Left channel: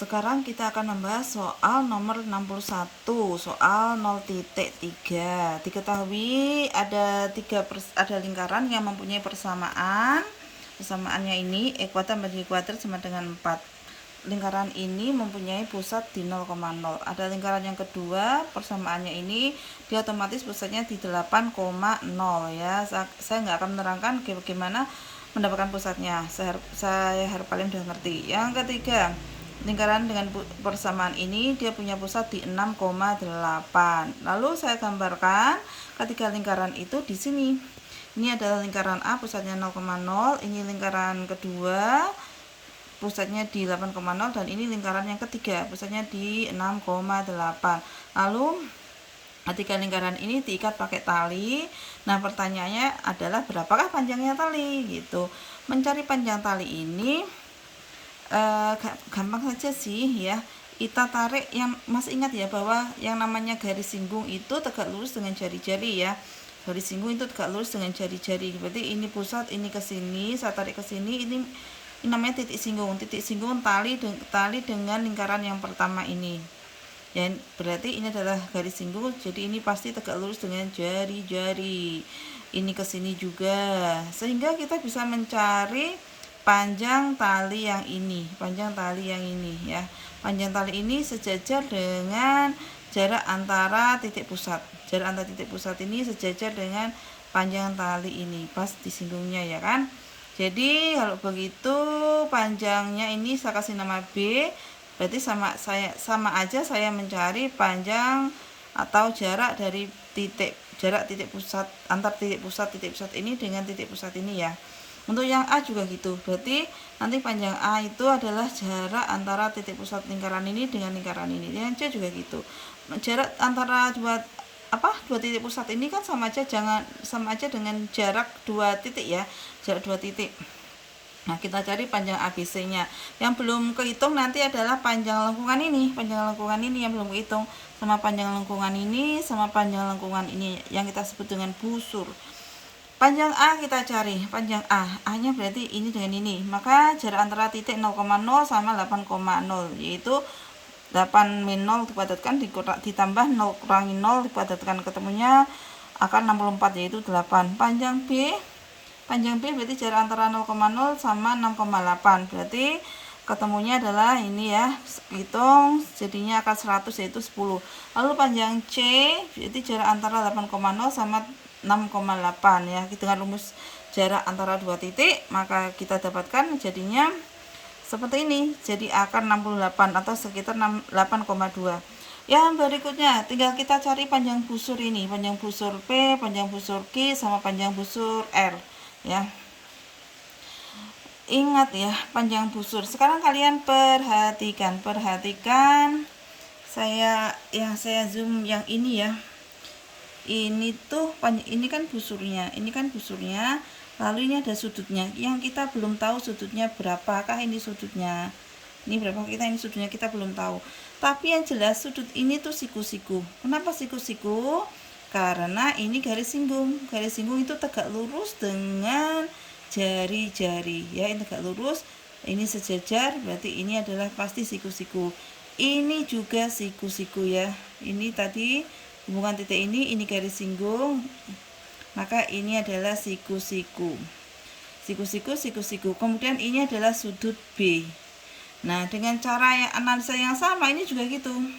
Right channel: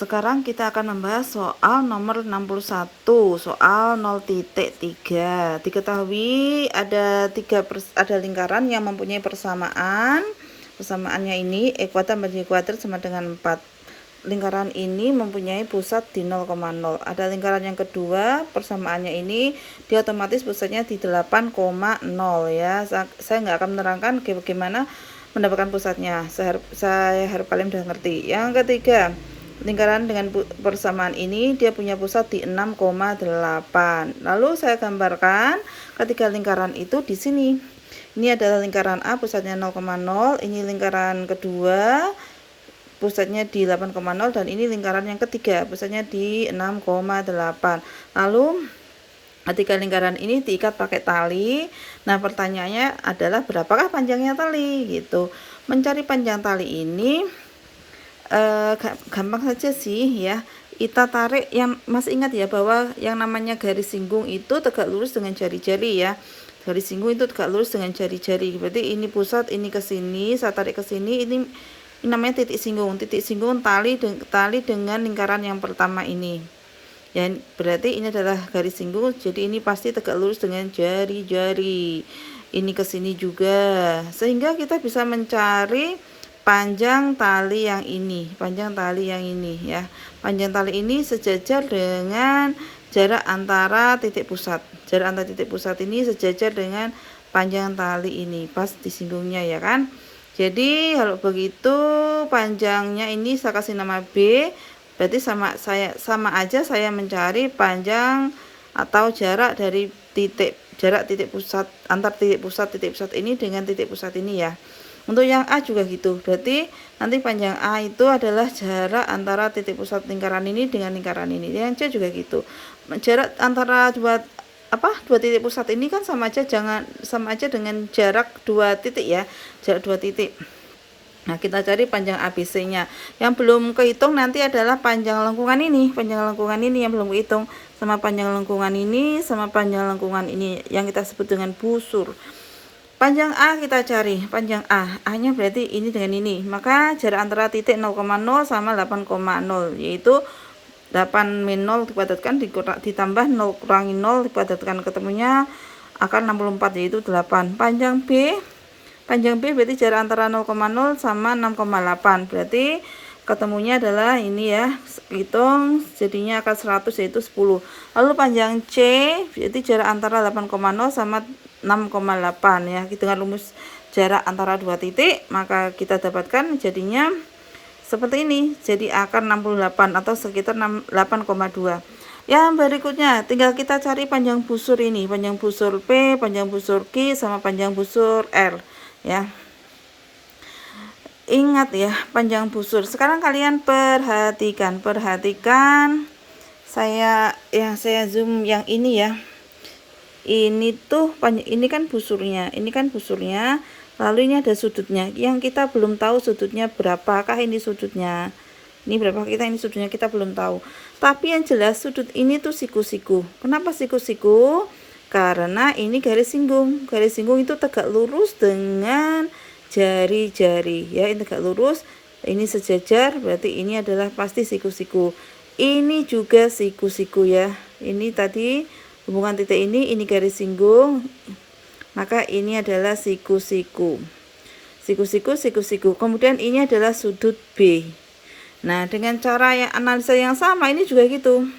Sekarang kita akan membahas soal nomor 61, soal 0,3. Diketahui ada lingkaran yang mempunyai persamaan. Persamaannya ini ekuator bagi ekuator sama dengan 4. Lingkaran ini mempunyai pusat di 0,0. Ada lingkaran yang kedua, persamaannya ini dia otomatis pusatnya di 8,0 ya. Saya nggak akan menerangkan bagaimana mendapatkan pusatnya. Saya harap kalian sudah ngerti. Yang ketiga, lingkaran dengan persamaan ini dia punya pusat di 6,8. Lalu saya gambarkan ketiga lingkaran itu di sini. Ini adalah lingkaran A, pusatnya 0,0. Ini lingkaran kedua, pusatnya di 8,0, dan ini lingkaran yang ketiga, pusatnya di 6,8. Lalu ketiga lingkaran ini diikat pakai tali. Nah, pertanyaannya adalah berapakah panjangnya tali gitu. Mencari panjang tali ini gampang saja sih ya. Kita tarik, yang masih ingat ya bahwa yang namanya garis singgung itu tegak lurus dengan jari-jari ya. Garis singgung itu tegak lurus dengan jari-jari. Berarti ini pusat, ini ke sini, saya tarik ke sini, ini namanya titik singgung. Titik singgung tali dengan lingkaran yang pertama ini. Ya, berarti ini adalah garis singgung, jadi ini pasti tegak lurus dengan jari-jari. Ini ke sini juga. Sehingga kita bisa mencari panjang tali yang ini, ya. Panjang tali ini sejajar dengan jarak antara titik pusat. Jarak antara titik pusat ini sejajar dengan panjang tali ini, pas di singgungnya ya kan. Jadi kalau begitu panjangnya ini saya kasih nama B. Berarti sama aja saya mencari panjang atau jarak dari titik pusat, antar titik pusat ini dengan titik pusat ini ya. Untuk yang A juga gitu. Berarti nanti panjang A itu adalah jarak antara titik pusat lingkaran ini dengan lingkaran ini. Yang C juga gitu. Jarak antara dua titik pusat ini kan sama aja dengan jarak dua titik ya. Jarak dua titik. Nah, kita cari panjang ABC-nya. Yang belum kehitung nanti adalah panjang lengkungan ini. Panjang lengkungan ini yang belum kehitung, sama panjang lengkungan ini, sama panjang lengkungan ini yang kita sebut dengan busur. Panjang A kita cari, panjang A. A-nya berarti ini dengan ini. Maka jarak antara titik 0,0 sama 8,0, yaitu 8 min 0 dikuadratkan ditambah 0 kurangi 0 dikuadratkan, ketemunya akan 64, yaitu 8. Panjang B berarti jarak antara 0,0 sama 6,8. Berarti ketemunya adalah ini ya. Hitung jadinya akan 100, yaitu 10. Lalu panjang C berarti jarak antara 8,0 sama 6,8 ya. Dengan rumus jarak antara dua titik, maka kita dapatkan jadinya seperti ini. Jadi akan 68 atau sekitar 8,2. Yang berikutnya tinggal kita cari panjang busur ini, panjang busur P, panjang busur Q, sama panjang busur R ya. Ingat ya, panjang busur. Sekarang kalian perhatikan saya zoom yang ini ya. Ini kan busurnya, lalu ini ada sudutnya. Yang kita belum tahu sudutnya berapakah ini sudutnya. Ini berapa ini sudutnya kita belum tahu. Tapi yang jelas sudut ini tuh siku-siku. Kenapa siku-siku? Karena ini garis singgung. Garis singgung itu tegak lurus dengan jari-jari ya, ini tegak lurus, ini sejajar, berarti ini adalah pasti siku-siku. Ini juga siku-siku ya. Ini tadi hubungan titik ini garis singgung, maka ini adalah siku-siku. Siku-siku. Kemudian ini adalah sudut B. Nah, dengan cara yang analisa yang sama ini juga gitu.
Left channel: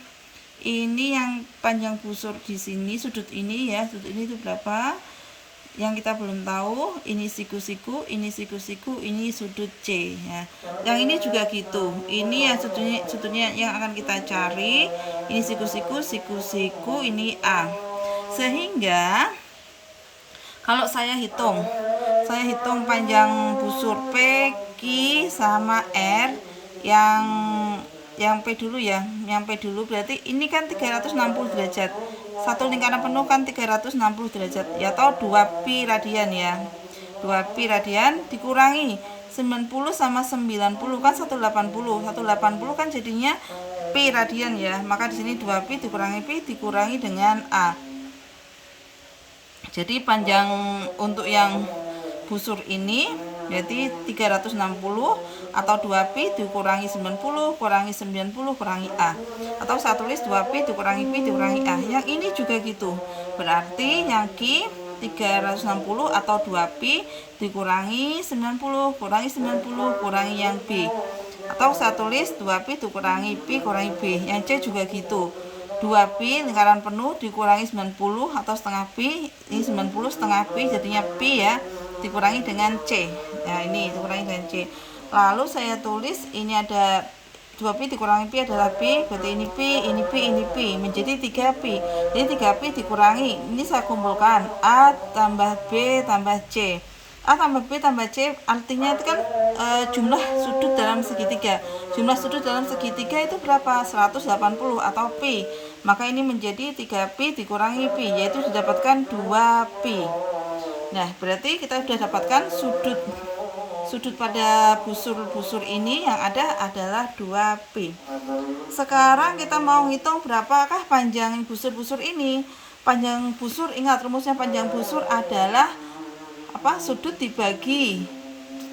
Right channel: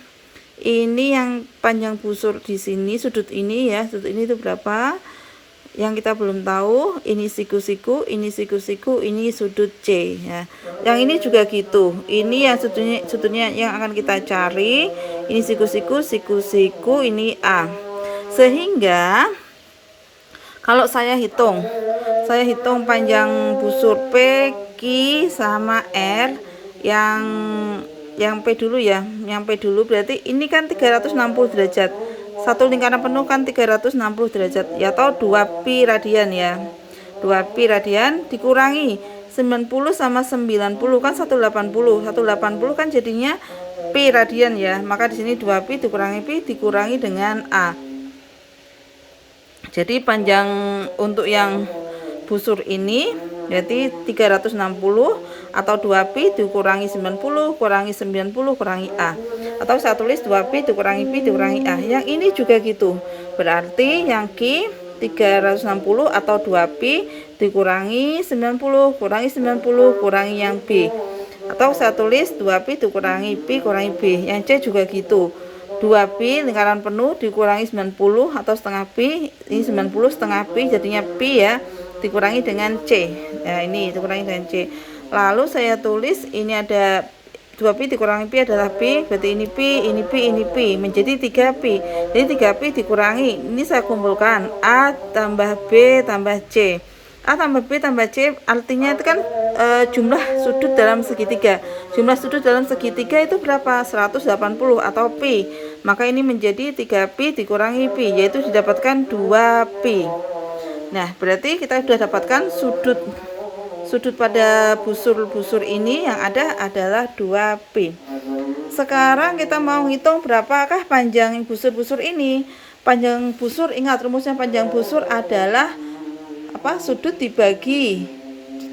Ini yang panjang busur di sini, sudut ini ya, sudut ini itu berapa? Yang kita belum tahu. Ini siku-siku, ini sudut C ya. Yang ini juga gitu. Ini yang sudutnya yang akan kita cari. Ini siku-siku, ini A. Sehingga kalau saya hitung panjang busur P, Q, sama R yang P dulu ya. Yang P dulu berarti ini kan 360 derajat. Satu lingkaran penuh kan 360 derajat ya, atau 2pi radian ya. 2pi radian dikurangi 90 sama 90 kan 180. 180 kan jadinya pi radian ya. Maka di sini 2pi dikurangi dengan A. Jadi panjang untuk yang busur ini berarti 360 atau 2pi dikurangi 90 kurangi 90 kurangi A. Atau saya tulis 2pi dikurangi pi dikurangi A. Yang ini juga gitu. Berarti yang Q 360 atau 2pi dikurangi 90 kurangi 90 kurangi yang B. Atau saya tulis 2pi dikurangi pi kurangi B. Yang C juga gitu. 2pi lingkaran penuh dikurangi 90 atau setengah pi, ini 90 setengah pi jadinya pi ya, dikurangi dengan C. Ya ini dikurangi dengan C. Lalu saya tulis ini ada 2pi dikurangi pi adalah pi, berarti ini pi, ini pi, ini pi, menjadi 3pi. Jadi 3pi dikurangi, ini saya kumpulkan A tambah B tambah C. A tambah B tambah C artinya itu kan jumlah sudut dalam segitiga. Jumlah sudut dalam segitiga itu berapa? 180 atau pi. Maka ini menjadi 3pi dikurangi pi, yaitu didapatkan 2pi. Nah, berarti kita sudah dapatkan sudut pada busur-busur ini yang ada adalah 2pi. Sekarang kita mau hitung berapakah panjang busur-busur ini. Panjang busur, ingat rumusnya panjang busur adalah sudut dibagi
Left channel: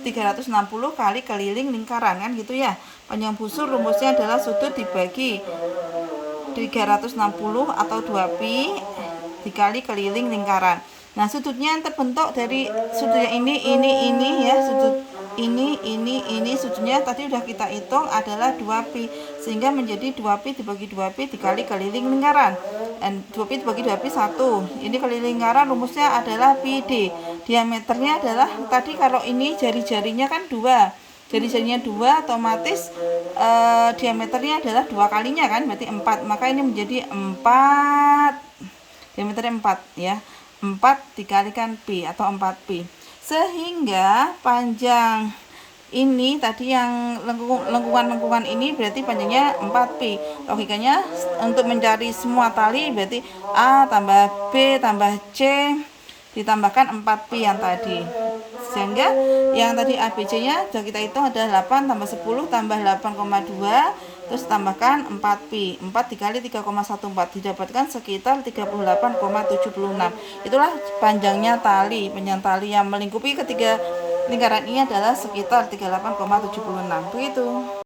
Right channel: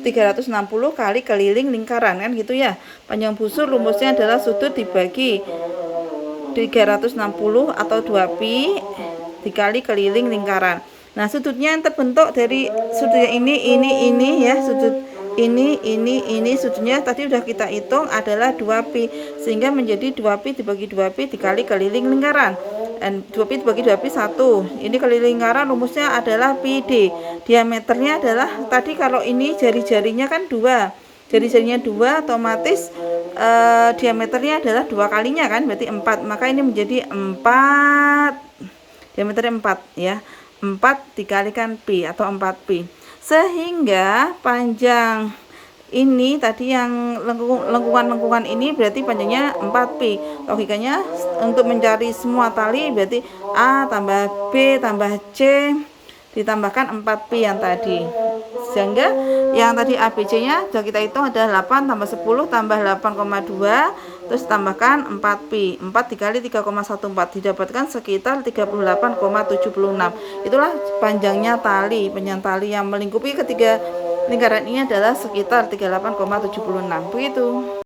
360 kali keliling lingkaran kan gitu ya. Panjang busur rumusnya adalah sudut dibagi 360 atau 2pi dikali keliling lingkaran. Nah, sudutnya yang terbentuk dari sudutnya ini ya, sudut ini sudutnya tadi udah kita hitung adalah 2pi, sehingga menjadi 2pi dibagi 2pi dikali keliling lingkaran. Dan 2pi dibagi 2pi 1. Ini keliling lingkaran rumusnya adalah pi d. Diameternya adalah tadi kalau ini jari-jarinya kan 2. Jari-jarinya 2 otomatis diameternya adalah 2 kalinya kan, berarti 4. Maka ini menjadi 4. Diameternya 4 ya. 4 dikalikan pi atau 4pi. Sehingga panjang ini tadi yang lengkungan ini berarti panjangnya 4pi. Logikanya untuk mencari semua tali berarti A tambah B tambah C ditambahkan 4pi yang tadi. Sehingga yang tadi ABC nya sudah kita hitung adalah 8 tambah 10 tambah 8,2 terus tambahkan 4pi. 4 dikali 3,14 didapatkan sekitar 38,76. Itulah panjangnya tali. Panjang tali yang melingkupi ketiga lingkaran ini adalah sekitar 38,76. Begitu.